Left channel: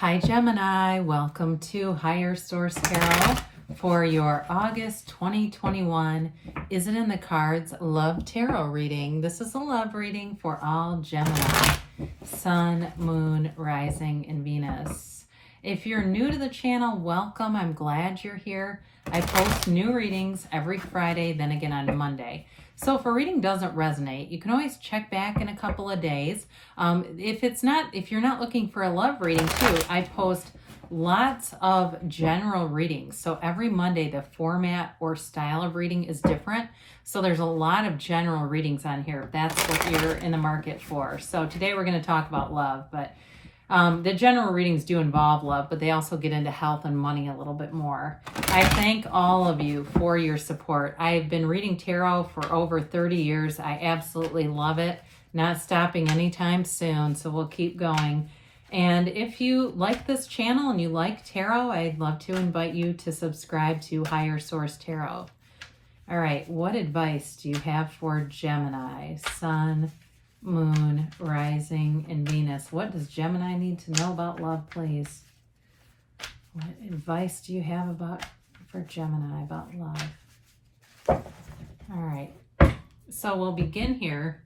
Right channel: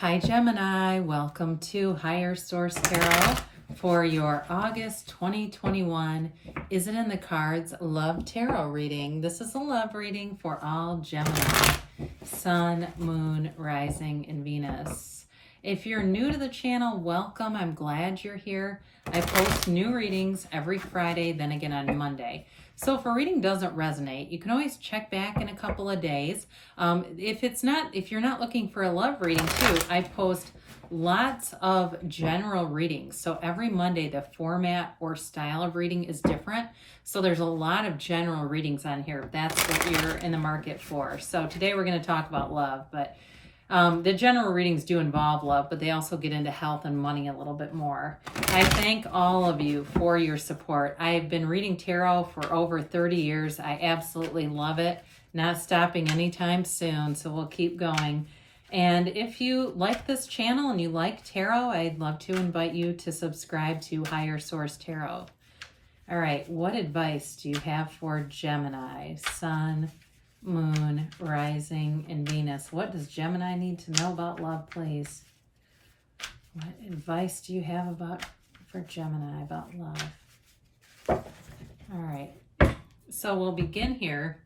Hi Gemini, welcome to Higher Source Tarot for your August 2021 Is It in the Cards Love Tarot reading. This is a love reading for all Gemini, Sun, Moon, Rising, and Venus. If you're new to the channel, welcome. I'm glad you're here. I post new readings every Friday, then again on Monday. So if a reading doesn't resonate, you can always check back in a couple of days. If you're not looking for a love reading too, I post lots of general readings. So every Monday, the format or style of reading is different. So there's a lot of general readings on here. That's what you're in the market for. So today we're going to talk about love, but the general readings do involve love, but they also get into health and money a little bit more. I thank all of you for your support. I've been reading tarot for over 30 years. I absolutely love it. Not stopping anytime soon, so we'll keep going. And if you like this channel and you like tarot, I'd love to invite you to subscribe to Higher Source Tarot. All right, what advice do you have for Gemini, Sun, Moon, Rising, and Venus? What does Gemini need to know about love, please? What advice do you have for Gemini about love? All right, so we'll begin here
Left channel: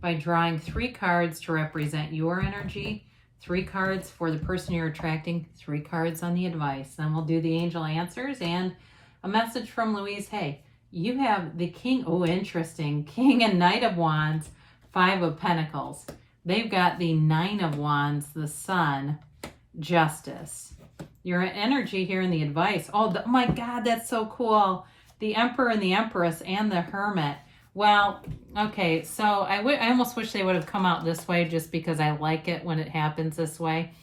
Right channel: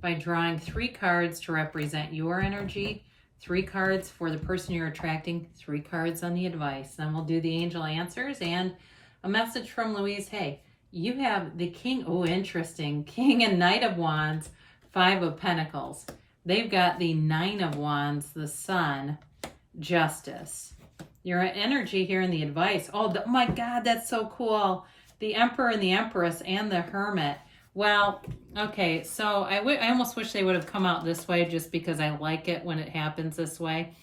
by drawing 3 cards to represent your energy, 3 cards for the person you're attracting, 3 cards on the advice. Then we'll do the angel answers and a message from Louise. Hey, you have the King, oh interesting, King and Knight of Wands, 5 of Pentacles. They've got the 9 of Wands, the Sun, Justice. Your energy here in the advice. Oh my God, that's so cool. The Emperor and the Empress and the Hermit. Well, okay, so I almost wish they would have come out this way just because I like it when it happens this way.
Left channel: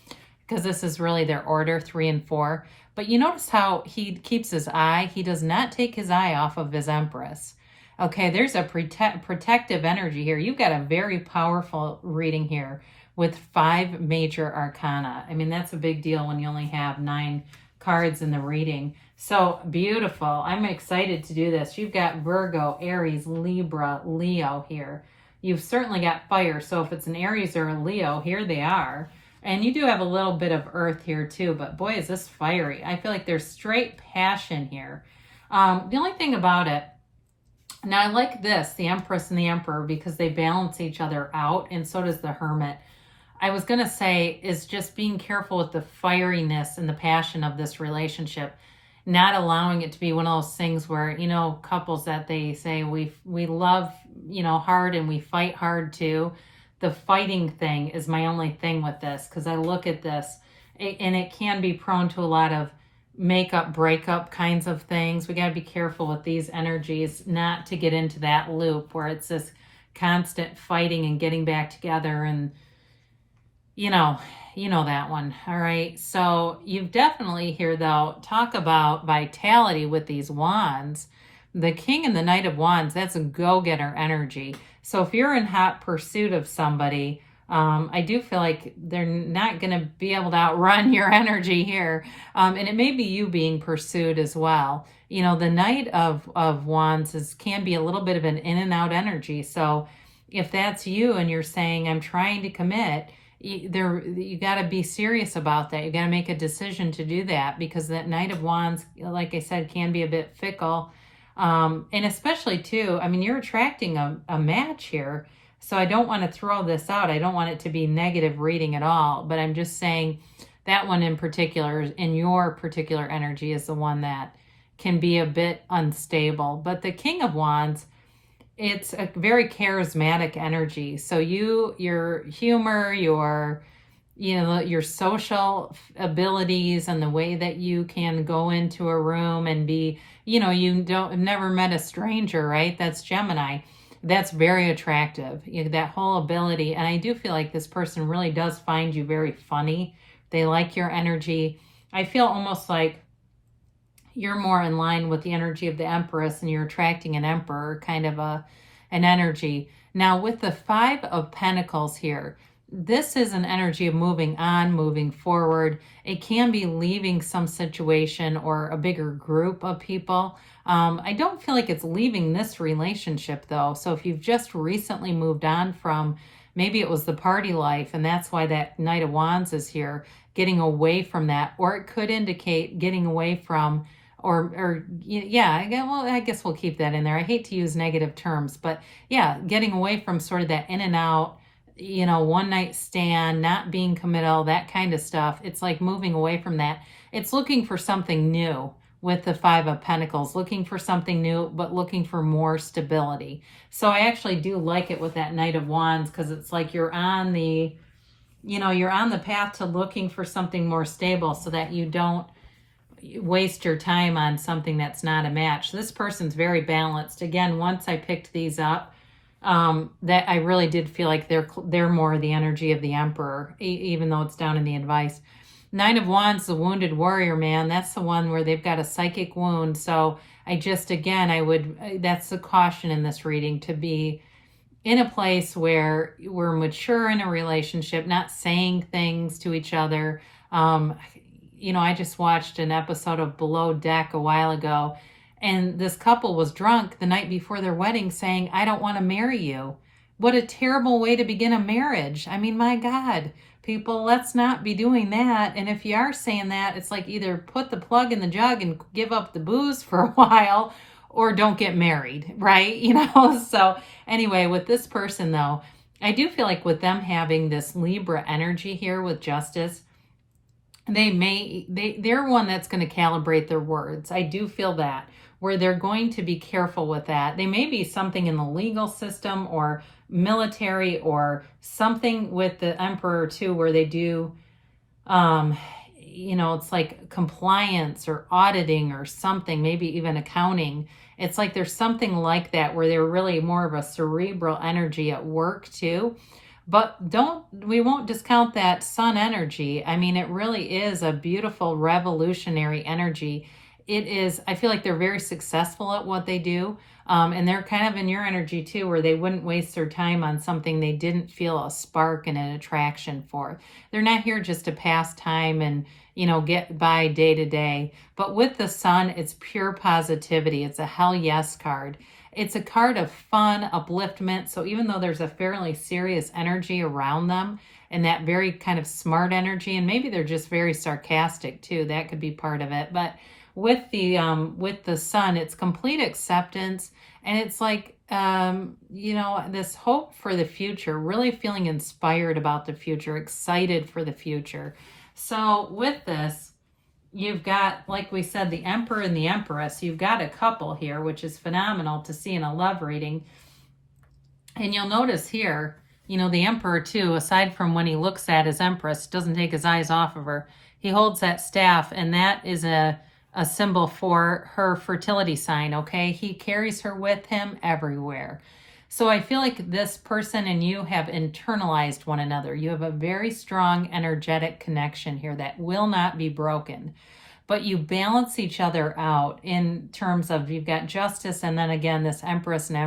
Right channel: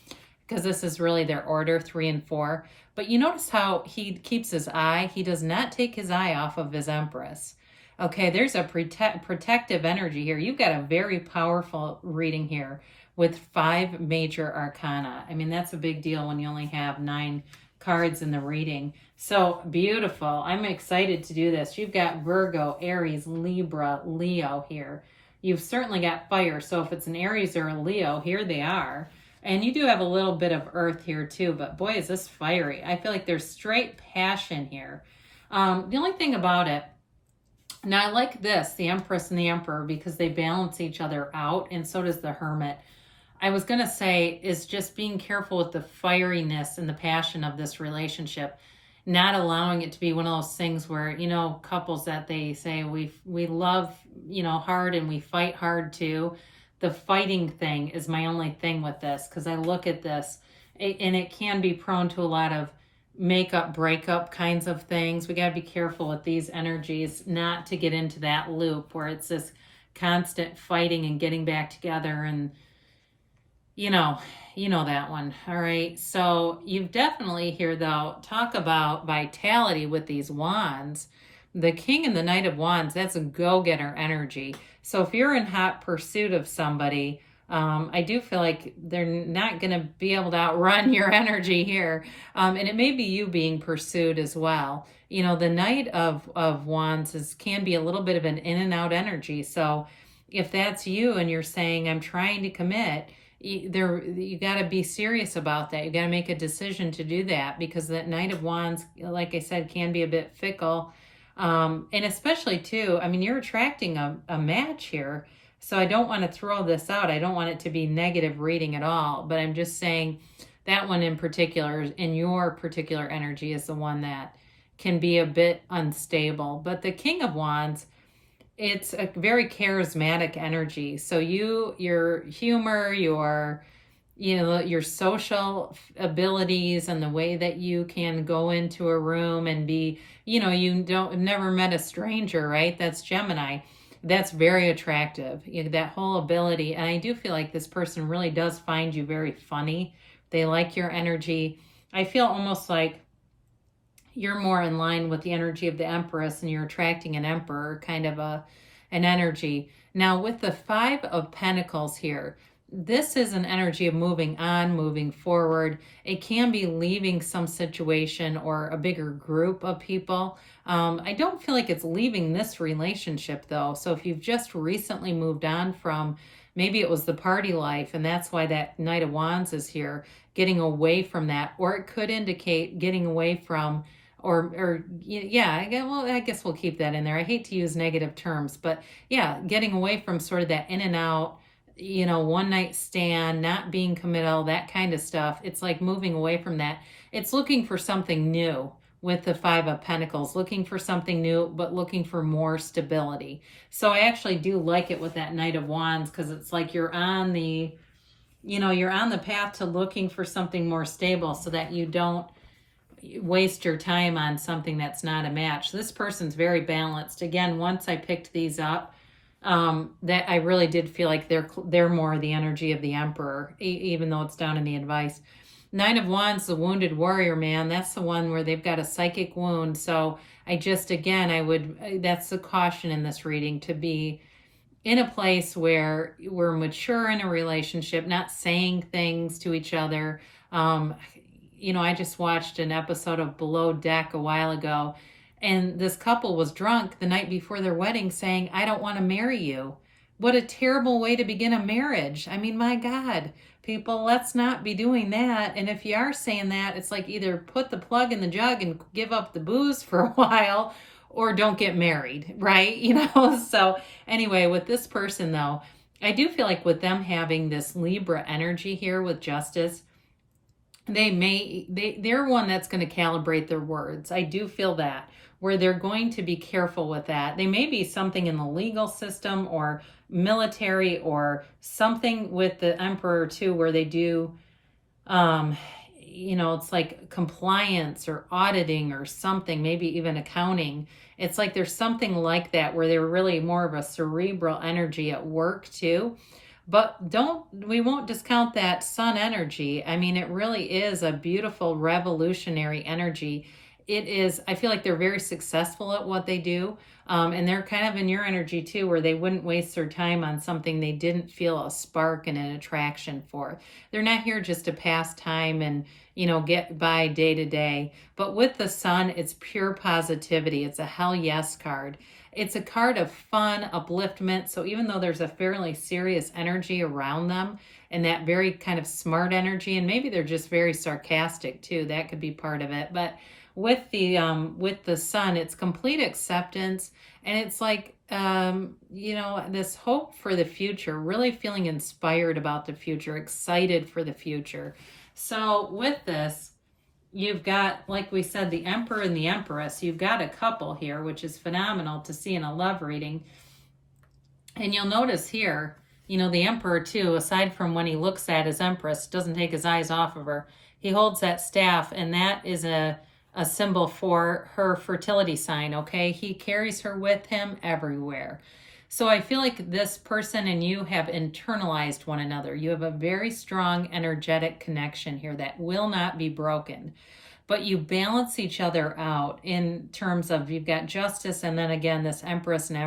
Because this is really their order, 3 and 4. But you notice how he keeps his eye. He does not take his eye off of his Empress. Okay, there's a protective energy here. You've got a very powerful reading here with 5 major arcana. I mean, that's a big deal when you only have 9 cards in the reading. So beautiful. I'm excited to do this. You've got Virgo, Aries, Libra, Leo here. You've certainly got fire. So if it's an Aries or a Leo, here they are. And you do have a little bit of earth here too, but boy, is this fiery. I feel like there's straight passion here. The only thing about it, now I like this, the Empress and the Emperor, because they balance each other out, and so does the Hermit. I was going to say is just being careful with the fieriness and the passion of this relationship, not allowing it to be one of those things where, you know, couples that they say we love, you know, hard and we fight hard too. The fighting thing is my only thing with this, because I look at this and it can be prone to a lot of makeup, breakup kinds of things. We got to be careful with these energies not to get into that loop where it's this constant fighting and getting back together, and you know that one. All right, so you've definitely here though talk about vitality with these wands. The King and the Knight of Wands, that's a go-getter energy. So if you're in hot pursuit of somebody, I do feel like they're not going to be able to outrun your energy here. And it may be you being pursued as well. You know, the Knight of Wands can be a little bit of an in and out energy. So if that's you and you're saying, I'm trying to commit, you got to be serious about that. You got to make a decision to do that, because that Knight of Wands, like I said, can be a bit fickle. And especially too, I mean, you're attracting a match here. So I don't want to throw this out. I don't want it to be negative reading at all. But I'm just saying that one in particular, in your particular energy, is the one that can be a bit unstable. But the King of Wands, it's a very charismatic energy. So your humor, your social abilities, and the way that you can go into a room and be, you've never met a stranger, right? That's Gemini. That's very attractive, that whole ability. And I do feel like this person really does find you very funny. They like your energy. I feel almost like you're more in line with the energy of the Empress and you're attracting an Emperor kind of an energy. Now with the 5 of Pentacles here, this is an energy of moving on, moving forward. It can be leaving some situation or a bigger group of people. I don't feel like it's leaving this relationship though. So if you've just recently moved on from maybe it was the party life, and that's why that Knight of Wands is here, getting away from that. Or it could indicate getting away from, or yeah, well, I guess we'll keep that in there. I hate to use negative terms, but yeah, getting away from sort of that in and out, one night stand, not being committal, that kind of stuff. It's like moving away from that. It's looking for something new with the Five of Pentacles, looking for something new, but looking for more stability. So I actually do like it with that Knight of Wands, because it's like you're on the path to looking for something more stable, so that you don't waste your time on something that's not a match. This person's very balanced. Again, once I picked these up, that I really did feel like they're more the energy of the Emperor, even though it's down in the advice. Nine of Wands, the wounded warrior, man. That's the one where they've got a psychic wound. So that's the caution in this reading, to be in a place where we're mature in a relationship, not saying things to each other. I just watched an episode of Below Deck a while ago, and this couple was drunk the night before their wedding saying, "I don't want to marry you." What a terrible way to begin a marriage. I mean, my God, people, let's not be doing that. And if you are saying that, it's like either put the plug in the jug and give up the booze for a while, or don't get married, right? So anyway, with this person though, I do feel like with them having this Libra energy here with Justice, they're one that's going to calibrate their words. I do feel that, where they're going to be careful with that. They may be something in the legal system or military or something with the Emperor too, where they do, it's like compliance or auditing or something, maybe even accounting. It's like there's something like that where they're really more of a cerebral energy at work too. But we won't discount that Sun energy. I mean, it really is a beautiful revolutionary energy. It is, I feel like they're very successful at what they do. And they're kind of in your energy too, where they wouldn't waste their time on something they didn't feel a spark and an attraction for. They're not here just to pass time and, get by day to day. But with the Sun, it's pure positivity. It's a hell yes card. It's a card of fun, upliftment. So even though there's a fairly serious energy around them and that very kind of smart energy, and maybe they're just very sarcastic too, that could be part of it. But with the Sun, it's complete acceptance, and it's like this hope for the future, really feeling inspired about the future, excited for the future. So with this, you've got, like we said, the Emperor and the Empress. You've got a couple here, which is phenomenal to see in a love reading. And you'll notice here, the Emperor too, aside from when he looks at his Empress, doesn't take his eyes off of her. He holds that staff, and that is a symbol for her fertility sign, okay? He carries her with him everywhere. So I feel like this person and you have internalized one another. You have a very strong energetic connection here that will not be broken. But you balance each other out in terms of, you've got Justice, and then again this Empress and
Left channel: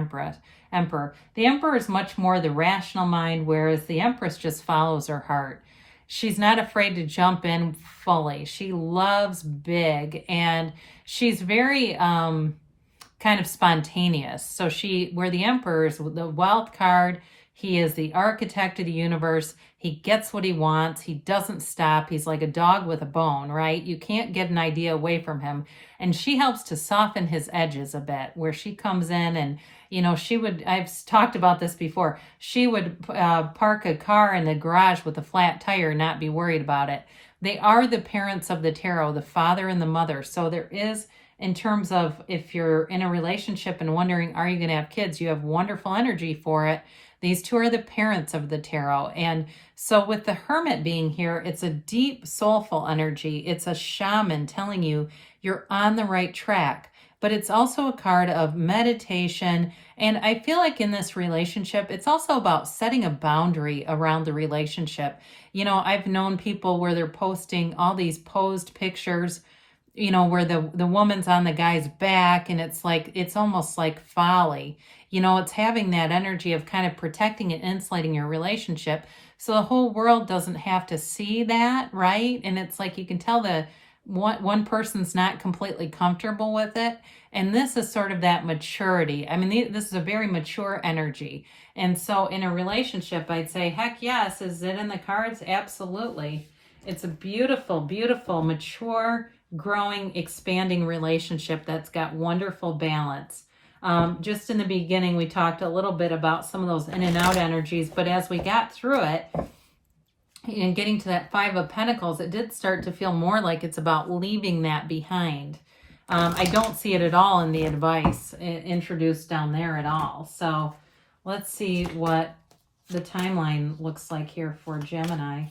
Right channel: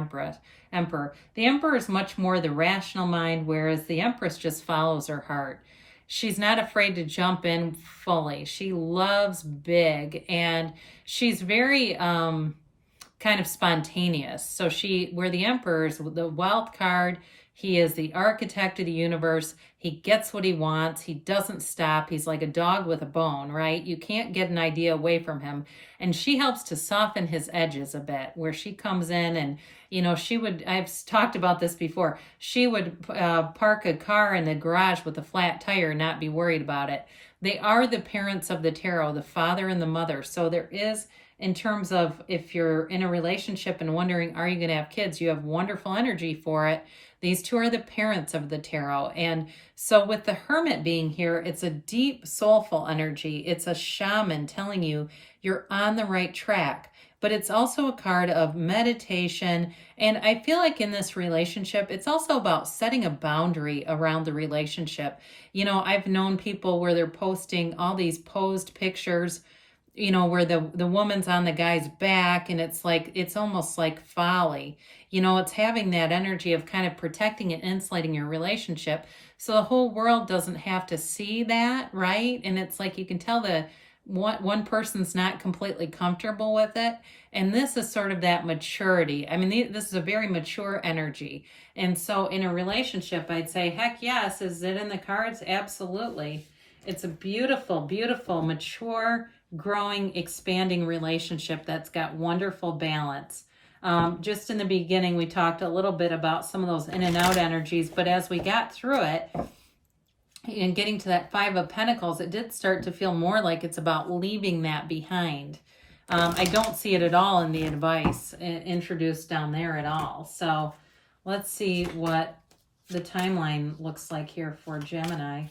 Emperor. The Emperor is much more the rational mind, whereas the Empress just follows her heart. She's not afraid to jump in fully. She loves big, and she's very kind of spontaneous. So where the Emperor is the wealth card, he is the architect of the universe. He gets what he wants. He doesn't stop. He's like a dog with a bone, right? You can't get an idea away from him. And she helps to soften his edges a bit, where she comes in and, I've talked about this before, she would park a car in the garage with a flat tire and not be worried about it. They are the parents of the tarot, the father and the mother. So there is, in terms of if you're in a relationship and wondering, are you going to have kids? You have wonderful energy for it. These two are the parents of the tarot. And so with the Hermit being here, it's a deep, soulful energy. It's a shaman telling you you're on the right track. But it's also a card of meditation. And I feel like in this relationship, it's also about setting a boundary around the relationship. I've known people where they're posting all these posed pictures, where the woman's on the guy's back, and it's almost like folly. It's having that energy of kind of protecting and insulating your relationship so the whole world doesn't have to see that, right? And it's like you can tell the one person's not completely comfortable with it. And this is sort of that maturity. I mean, this is a very mature energy. And so in a relationship, I'd say, heck yes. Is it in the cards? Absolutely. It's a beautiful, beautiful, mature, growing, expanding relationship that's got wonderful balance. Just in the beginning, we talked a little bit about some of those in and out energies, but as we got through it, and getting to that Five of Pentacles, it did start to feel more like it's about leaving that behind. I don't see it at all in the advice introduced down there at all. So let's see what the timeline looks like here for Gemini.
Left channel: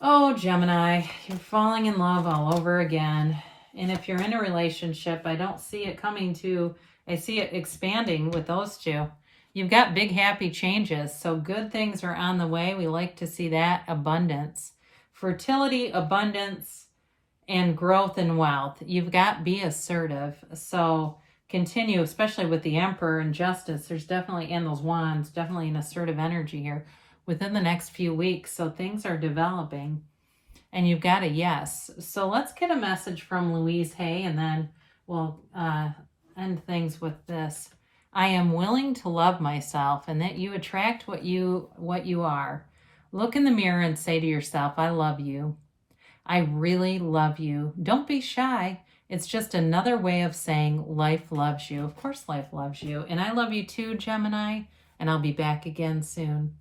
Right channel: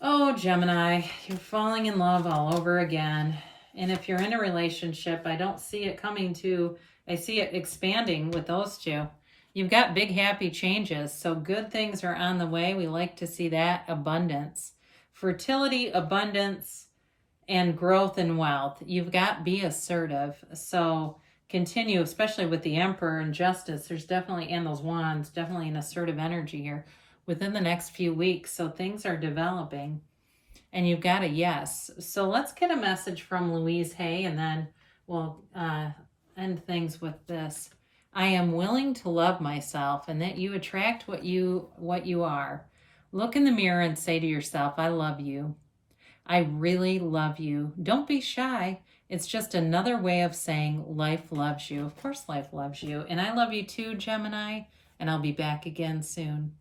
Oh, Gemini, you're falling in love all over again. And if you're in a relationship, I don't see it coming to, I see it expanding with those two. You've got big, happy changes. So good things are on the way. We like to see that. Abundance, fertility, abundance, and growth and wealth. You've got be assertive. So continue, especially with the Emperor and Justice. There's definitely, and those wands, definitely an assertive energy here within the next few weeks. So things are developing. And you've got a yes. So let's get a message from Louise Hay, and then we'll end things with this. I am willing to love myself, and that you attract what you are. Look in the mirror and say to yourself, I love you. I really love you. Don't be shy. It's just another way of saying life loves you. Of course life loves you. And I love you too, Gemini, and I'll be back again soon.